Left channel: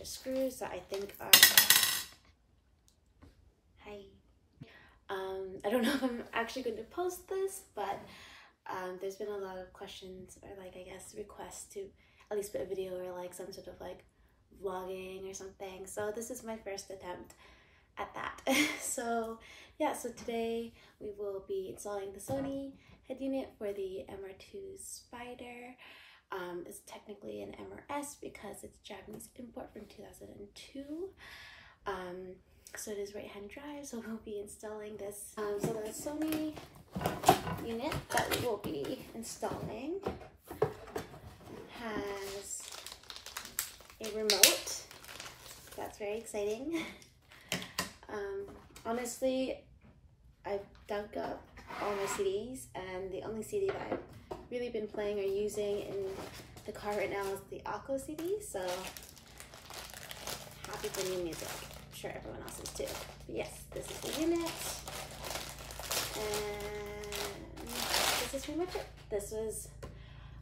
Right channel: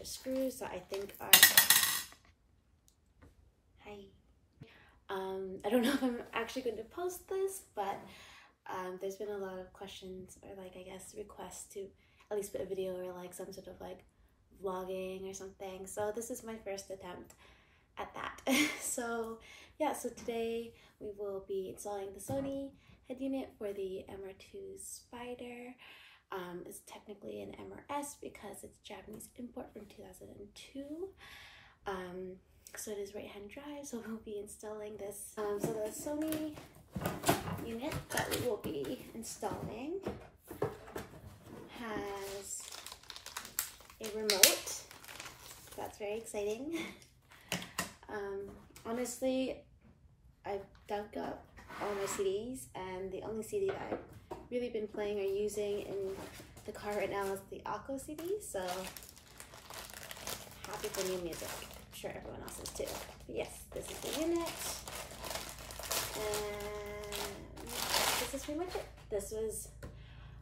of screws that I think are... Hi. I don't know if I'm actually going to post this, but there's been a lot of questions or like, I guess, requests to at least put a video or like some sort of like vlogging or something. So this is my first attempt at that. So yeah, so today we will be installing the Sony head unit for the MR2 Spyder. It's technically an MRS because it's Japanese import from 2002. So it is right-hand drive, so we'll be installing this. So the Sony unit that we will be installing has a remote. That's very exciting. Honestly, I've dug up all my CDs, and the only CD that I've really been playing or using in the car right now is the Aqua CD, so happy for new music. I'm sure everyone else is too. But yes, this is the unit, and this is pretty much it.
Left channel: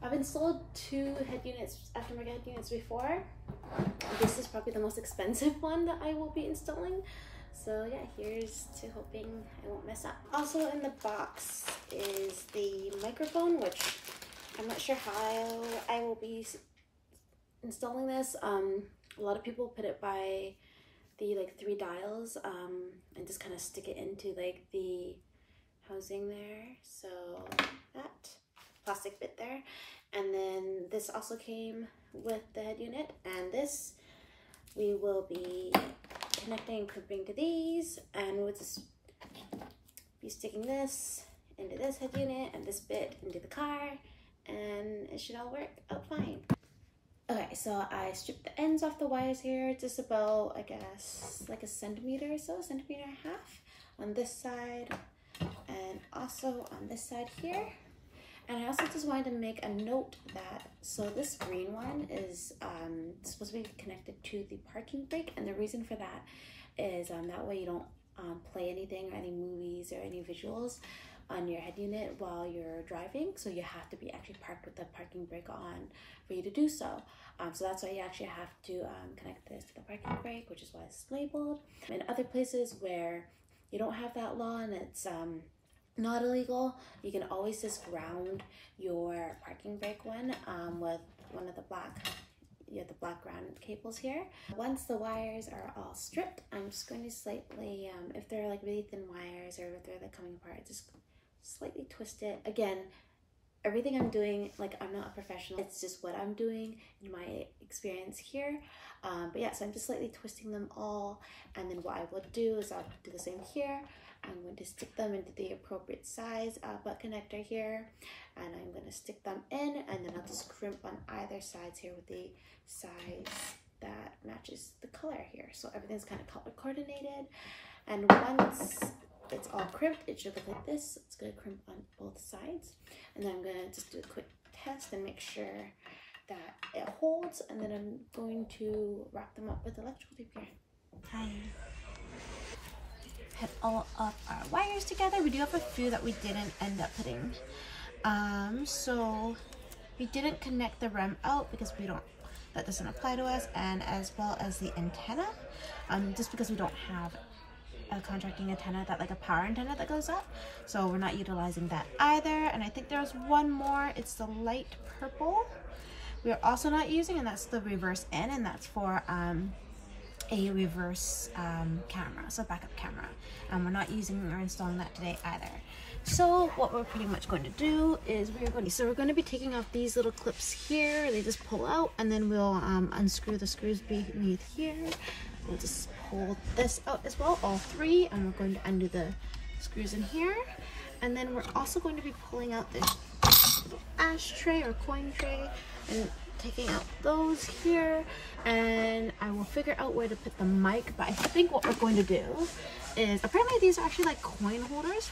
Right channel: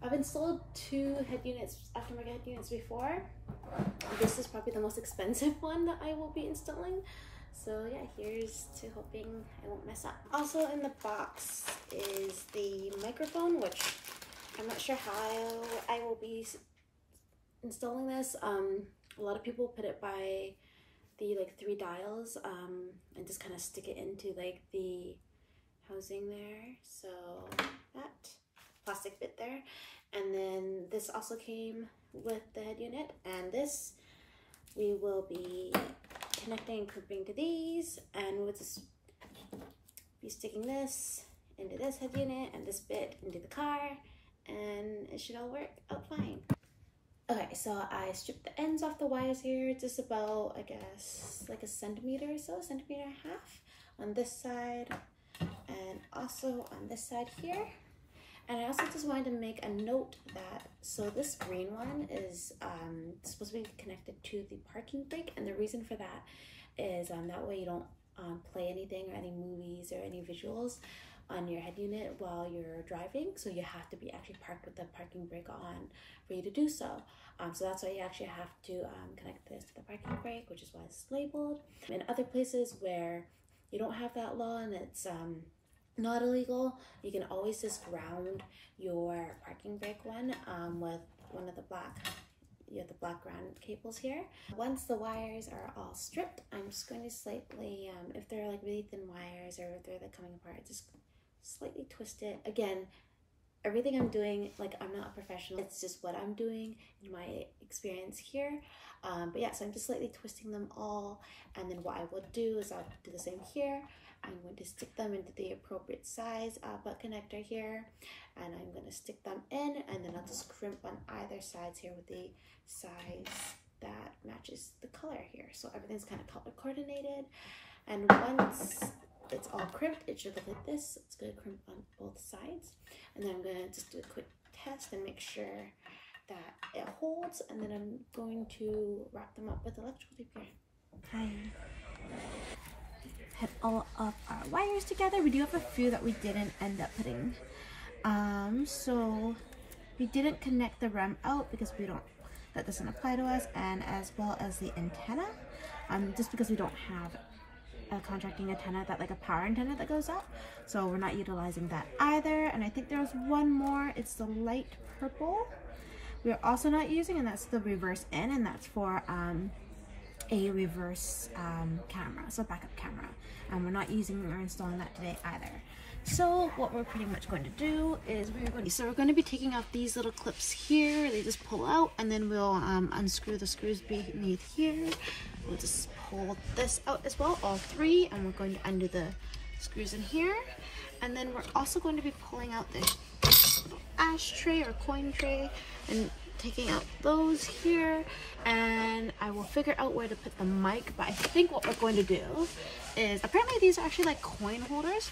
I've installed 2 head units, aftermarket head units before. This is probably the most expensive one that I will be installing. So yeah, here's to hoping I won't mess up. Also in the box is the microphone, which I'm not sure how I will be installing this. A lot of people put it by the like 3 dials and just kind of stick it into like the housing there. So that plastic bit there. And then this also came with the head unit, and this we will be connecting and crimping to these, and we'll just be sticking this into this head unit and this bit into the car, and it should all work out fine. Okay, so I stripped the ends off the wires here, just about, I guess, like a centimeter or so, centimeter and a half on this side, and also on this side here. And I also just wanted to make a note that, so this green one is supposed to be connected to the parking brake, and the reason for that is that way you don't play anything or any movies or any visuals on your head unit while you're driving. So you have to be actually parked with the parking brake on for you to do so. So that's why you actually have to connect this to the parking brake, which is why it's labeled. In other places where you don't have that law and it's not illegal, you can always just ground your parking brake one with one of the black, you have the black ground cables here. Once the wires are all stripped, I'm just going to slightly, if they're like really thin wires or if they're like coming apart, just slightly twist it. Again, everything I'm doing, like, I'm not a professional, it's just what I'm doing in my experience here. But yeah, so I'm just slightly twisting them all, and then what I will do is I'll do the same here. I'm going to stick them into the appropriate size butt connector here, and I'm going to stick them in, and then I'll just crimp on either sides here with the size that matches the color here. So everything's kind of color coordinated, and once it's all crimped, it should look like this. It's going to crimp on both sides, and then I'm going to just do a quick test and make sure that it holds, and then I'm going to wrap them up with electrical tape here. Put all of our wires together. We do have a few that we didn't end up putting. So we didn't connect the REM out because that doesn't apply to us, and as well as the antenna, just because we don't have a contracting antenna, that like a power antenna that goes up, so we're not utilizing that either. And I think there's one more, it's the light purple we're also not using, and that's the reverse in, and that's for a reverse camera, so backup camera, and we're not using or installing that today either. So what we're pretty much going to do is we're going to be taking off these little clips here. They just pull out, and then we'll unscrew the screws beneath here. We'll just pull this out as well, all 3, and we're going to undo the screws in here. And then we're also going to be pulling out this little ashtray or coin tray and taking out those here, and I will figure out where to put the mic. But I think what we're going to do is, apparently these are actually like coin holders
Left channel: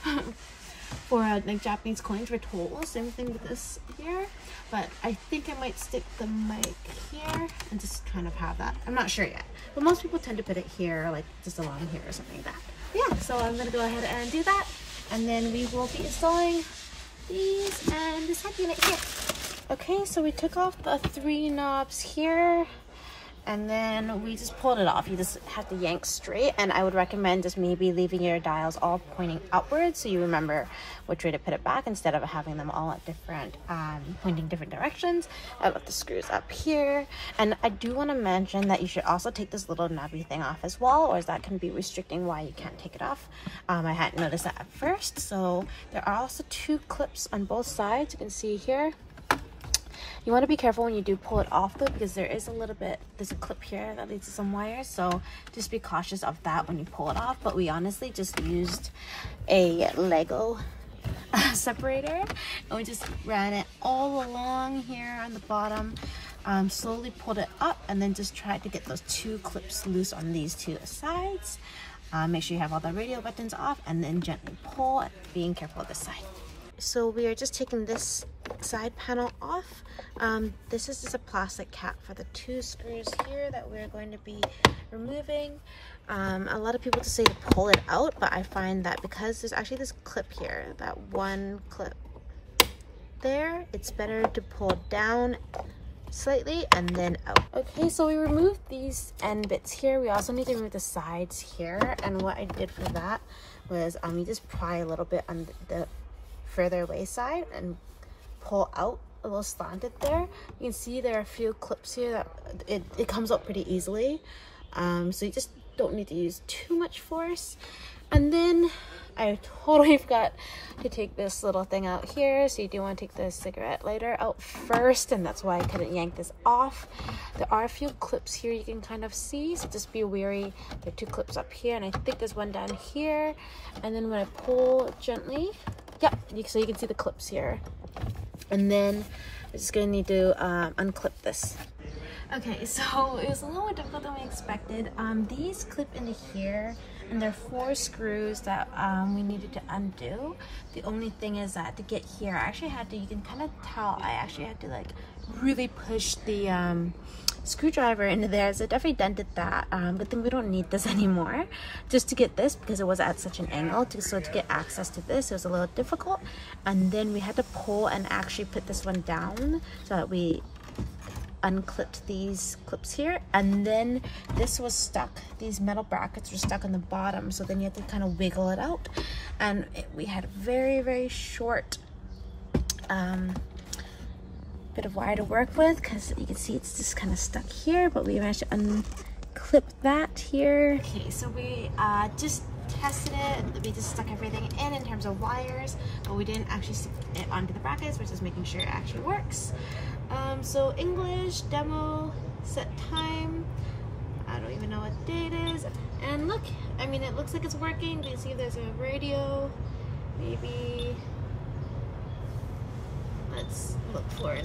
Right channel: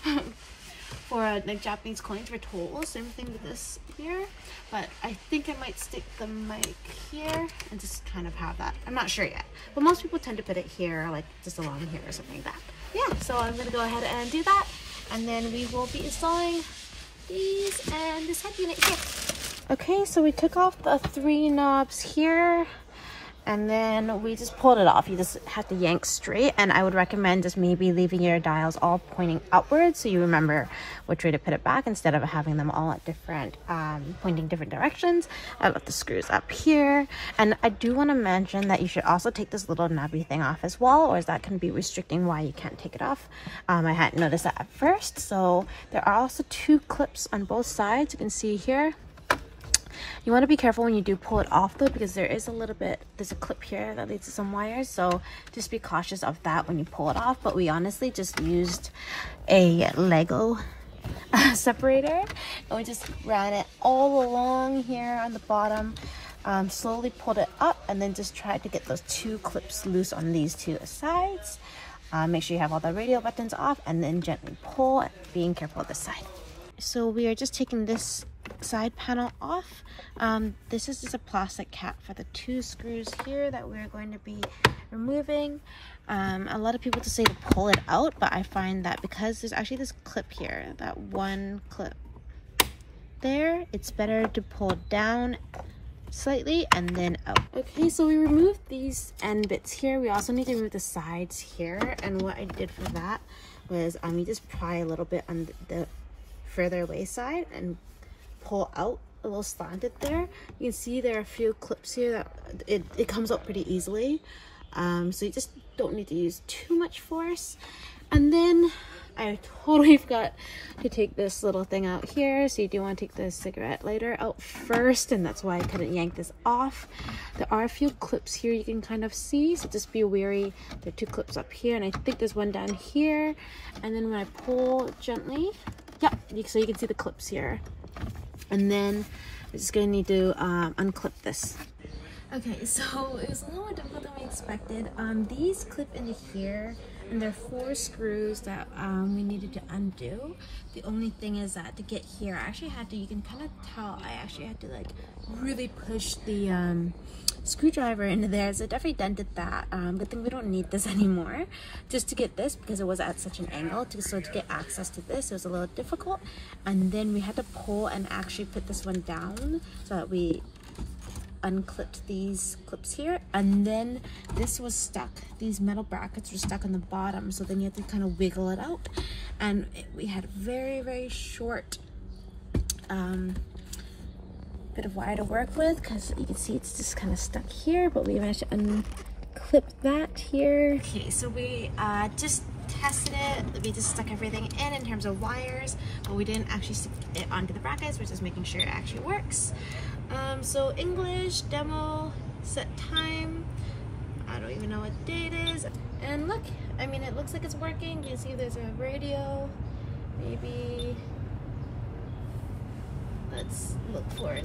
for like Japanese coins for tolls. Same thing with this here, but I think I might stick the mic here and just kind of have that. I'm not sure yet, but most people tend to put it here, like just along here or something like that. Yeah, so I'm gonna go ahead and do that, and then we will be installing these and this head unit here. Okay, so we took off the 3 knobs here, and then we just pulled it off. You just have to yank straight, and I would recommend just maybe leaving your dials all pointing outwards so you remember which way to put it back instead of having them all at different pointing different directions. I left the screws up here, and I do want to mention that you should also take this little knobby thing off as well, or that can be restricting why you can't take it off. I hadn't noticed that at first. So there are also 2 clips on both sides. You can see here. You want to be careful when you do pull it off though, because there's a clip here that leads to some wires, so just be cautious of that when you pull it off. But we honestly just used a Lego separator, and we just ran it all along here on the bottom, slowly pulled it up, and then just tried to get those 2 clips loose on these 2 sides. Make sure you have all the radio buttons off, and then gently pull, being careful with the side. So we are just taking this side panel off. This is just a plastic cap for the 2 screws here that we're going to be removing. A lot of people just say to pull it out, but I find that because there's actually this clip here, that 1 clip there, it's better to pull down slightly and then out. Okay, so we removed these end bits here. We also need to remove the sides here, and what I did for that was you just pry a little bit on the further away side and pull out a little slanted there. You can see there are a few clips here that it comes up pretty easily, so you just don't need to use too much force. And then I totally forgot to take this little thing out here, so you do want to take the cigarette lighter out first, and that's why I couldn't yank this off. There are a few clips here you can kind of see, so just be wary. There are 2 clips up here, and I think there's one down here. And then when I pull gently, so you can see the clips here. And then we're just gonna need to unclip this. Okay, so it was a little more difficult than we expected. These clip into here, and there are 4 screws that we needed to undo. The only thing is that to get here, I actually had to, you can kind of tell, I actually had to like really push the screwdriver into there, so it definitely dented that. Good thing we don't need this anymore just to get this, because it was at such an angle. So to get access to this, it was a little difficult. And then we had to pull and actually put this one down so that we unclipped these clips here, and then this was stuck. These metal brackets were stuck on the bottom, so then you have to kind of wiggle it out. And we had very short bit of wire to work with, because you can see it's just kind of stuck here, but we managed to unclip that here. Okay, so we just tested it. We just stuck everything in terms of wires, but we didn't actually stick it onto the brackets. We're just making sure it actually works. So English, demo, set time, I don't even know what day it is. And look, I mean, it looks like it's working. You can see there's a radio. Maybe let's look for it.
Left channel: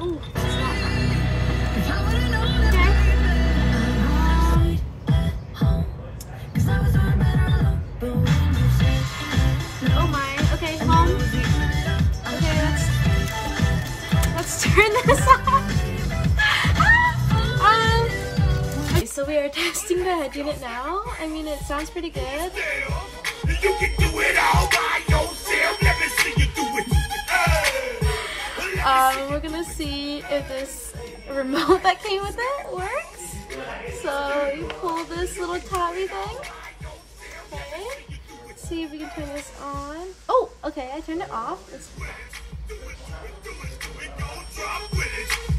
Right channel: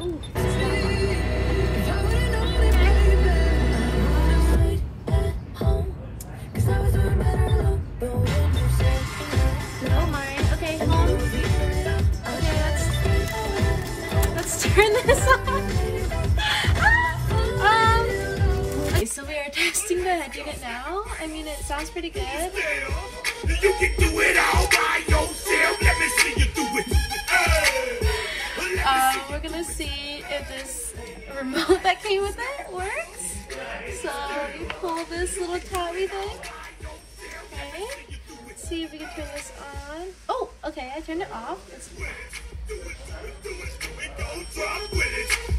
Ooh, that's not happening. Oh my, okay, home. Okay, let's turn this off. Okay, so we are testing the Headunit now. I mean, it sounds pretty good. You can do it all by yourself. Let me see you do it. We're gonna see if this remote that came with it works. So you pull this little tabby thing. Okay. Let's see if we can turn this on. Oh, okay, I turned it off. It's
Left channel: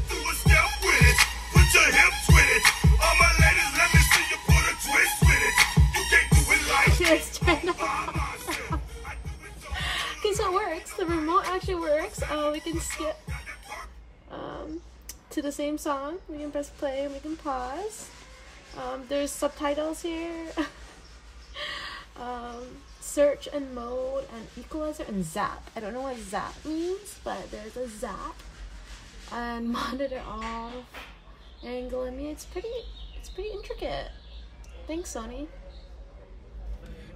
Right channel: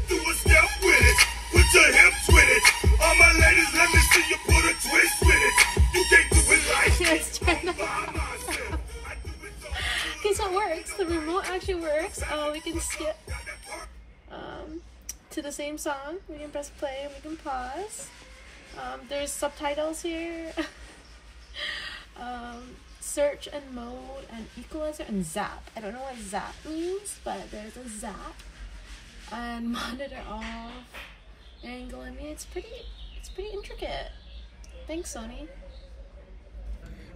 Do a step with it. Put your hips with it. All my ladies, let me see you put a twist with it. You can't do it like here, it's turned off. Okay, so it works. The remote actually works. We can skip to the same song. We can press play and we can pause. There's subtitles here. Search and mode and equalizer and zap. I don't know what zap means, but there's a zap. And monitor off, angle. I mean, it's pretty intricate. Thanks, Sony.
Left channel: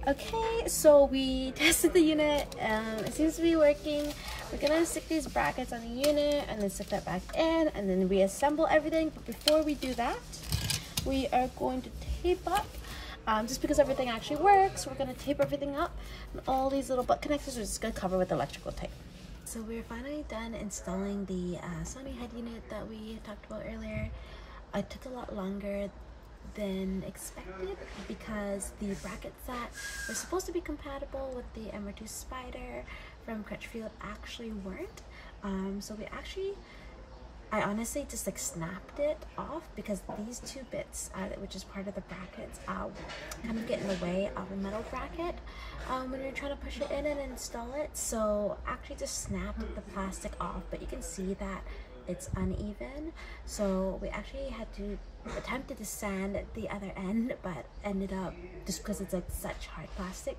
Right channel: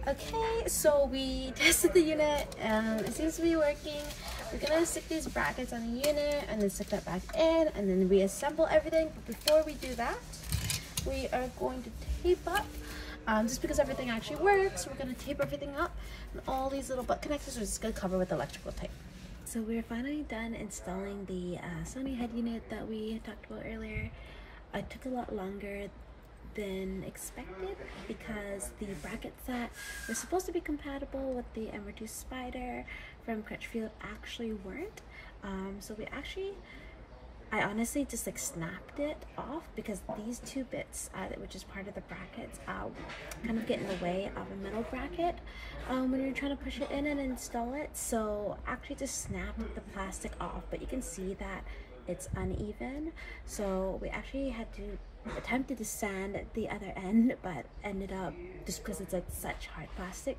Okay, so we tested the unit. It seems to be working. We're gonna stick these brackets on the unit and then stick that back in and then reassemble everything. But before we do that, we are going to tape up. Just because everything actually works, we're gonna tape everything up, and all these little butt connectors are just gonna cover with electrical tape. So we're finally done installing the Sony Headunit that we talked about earlier. it took a lot longer than expected because the brackets that were supposed to be compatible with the MR2 Spyder from Crutchfield actually weren't. So I honestly just like snapped it off because these two bits, which is part of the brackets, kind of get in the way of a metal bracket when you're trying to push it in and install it. So actually just snapped the plastic off, but you can see that it's uneven. So we actually had to attempted to sand the other end, but ended up, just because it's like such hard plastic,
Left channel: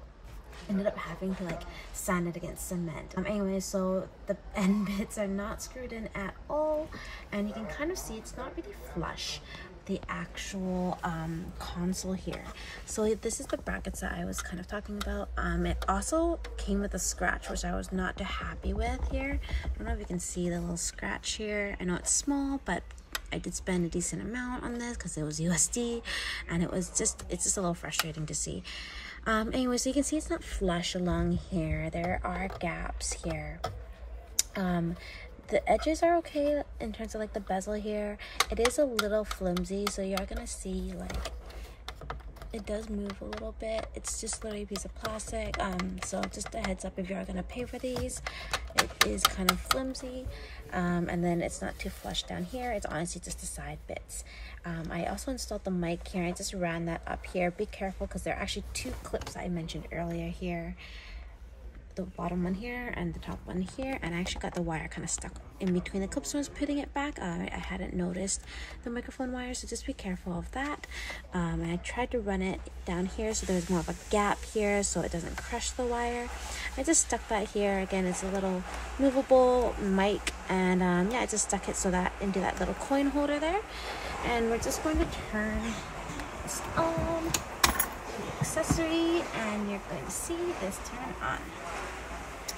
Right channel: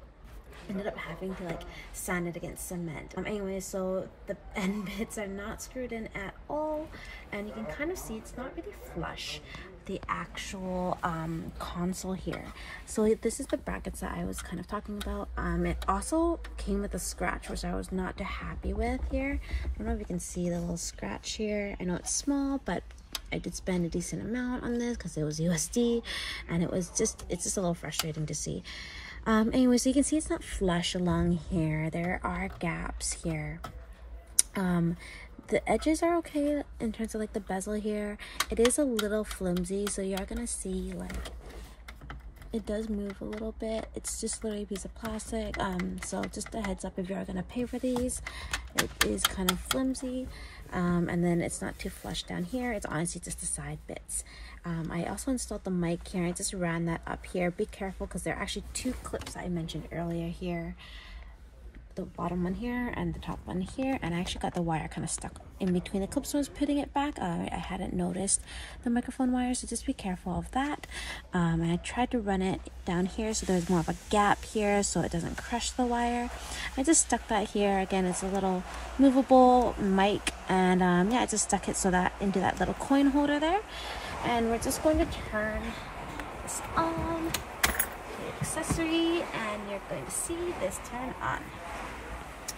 ended up having to like sand it against cement. Anyway, so the end bits are not screwed in at all, and you can kind of see it's not really flush the actual console here. So this is the brackets that I was kind of talking about. It also came with a scratch, which I was not too happy with here. I don't know if you can see the little scratch here. I know it's small, but I did spend a decent amount on this because it was USD, and it's just a little frustrating to see. Anyway, so you can see it's not flush along here. There are gaps here. The edges are okay in terms of like the bezel here. It is a little flimsy, so you're gonna see like it does move a little bit. It's just literally a piece of plastic. So just a heads up if you're gonna pay for these. It is kind of flimsy. And then it's not too flush down here. It's honestly just the side bits. I also installed the mic here. I just ran that up here. Be careful because there are actually two clips I mentioned earlier here. The bottom one here and the top one here, and I actually got the wire kind of stuck in between the clips when I was putting it back. I hadn't noticed the microphone wire, so just be careful of that. And I tried to run it down here so there's more of a gap here so it doesn't crush the wire. I just stuck that here. Again, it's a little movable mic, and yeah, I just stuck it so that into that little coin holder there. And we're just going to turn this on, the accessory, and you're going to see this turn on.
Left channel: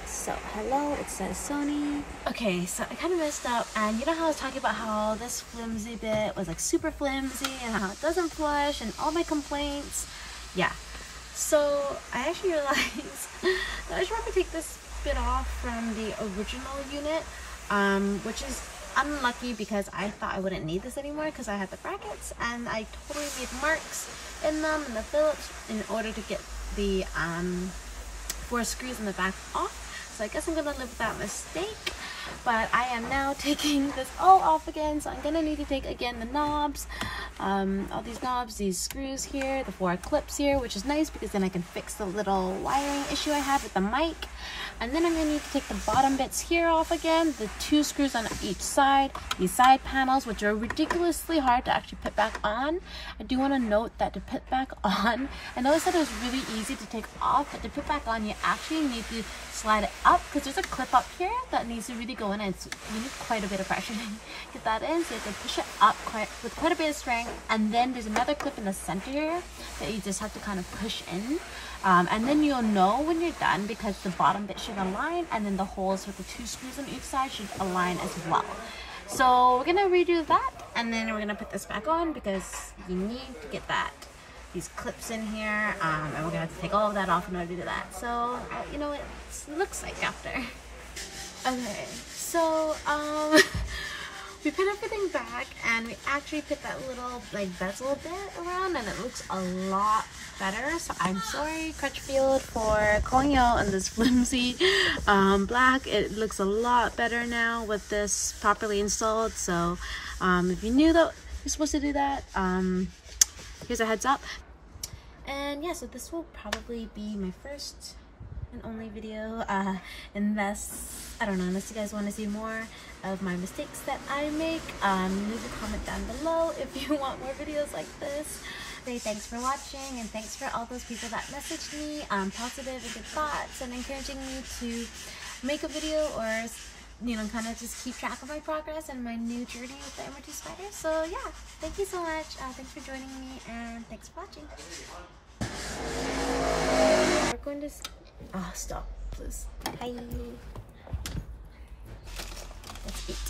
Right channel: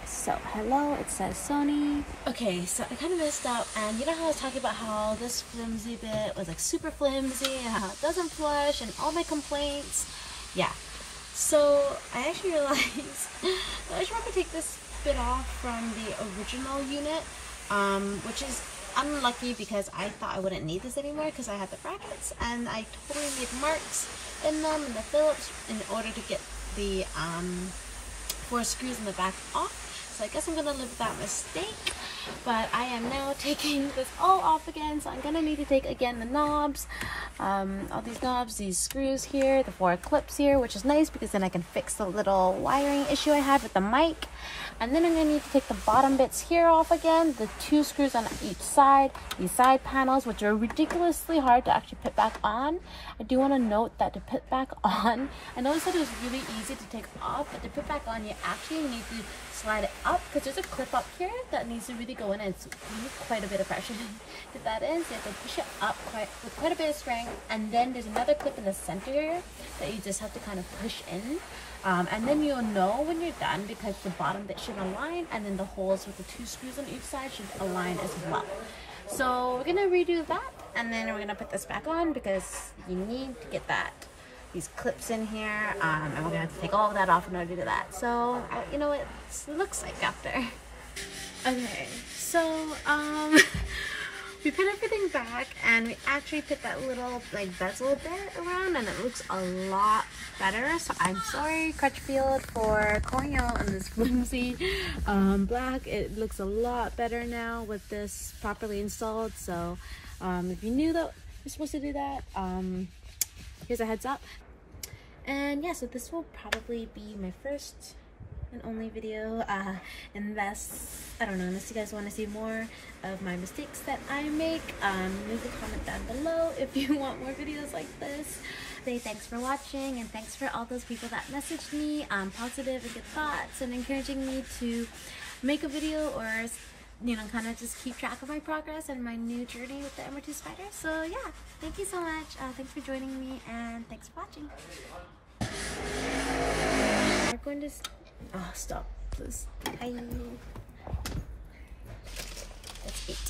So, hello, it says Sony. Okay, so I kind of messed up, and you know how I was talking about how this flimsy bit was like super flimsy and how it doesn't flush and all my complaints? Yeah. So, I actually realized I should probably take this bit off from the original unit, which is unlucky because I thought I wouldn't need this anymore because I had the brackets, and I totally made marks in them in the Phillips in order to get the 4 screws in the back off. So I guess I'm gonna live with that mistake, but I am now taking this all off again. So I'm gonna need to take again the knobs, all these knobs, these screws here, the 4 clips here, which is nice because then I can fix the little wiring issue I had with the mic. And then I'm gonna need to take the bottom bits here off again, the 2 screws on each side, these side panels, which are ridiculously hard to actually put back on. I do want to note that to put back on, I know I said it was really easy to take off, but to put back on, you actually need to slide it up because there's a clip up here that needs to really go in, and you need quite a bit of pressure to get that in. So you have to push it up with quite a bit of strength, and then there's another clip in the center here that you just have to kind of push in. And then you'll know when you're done because the bottom bit should align, and then the holes with the 2 screws on each side should align as well. So we're gonna redo that, and then we're gonna put this back on because you need to get these clips in here, and we're gonna have to take all of that off in order to do that. So you know what it looks like after. Okay, so we put everything back, and we actually put that little like bezel bit around, and it looks a lot better. So I'm sorry, Crutchfield, for calling you out on this flimsy black. It looks a lot better now with this properly installed. So if you knew that you're supposed to do that, here's a heads up. And yeah, so this will probably be my first and only video, unless you guys want to see more of my mistakes that I make. Leave a comment down below if you want more videos like this. Say thanks for watching, and thanks for all those people that messaged me positive and good thoughts and encouraging me to make a video, or you know, kind of just keep track of my progress and my new journey with the MR2 Spyder. So yeah, thank you so much. Thanks for joining me, and thanks for watching. We're going to stop, please. Hi. That's it.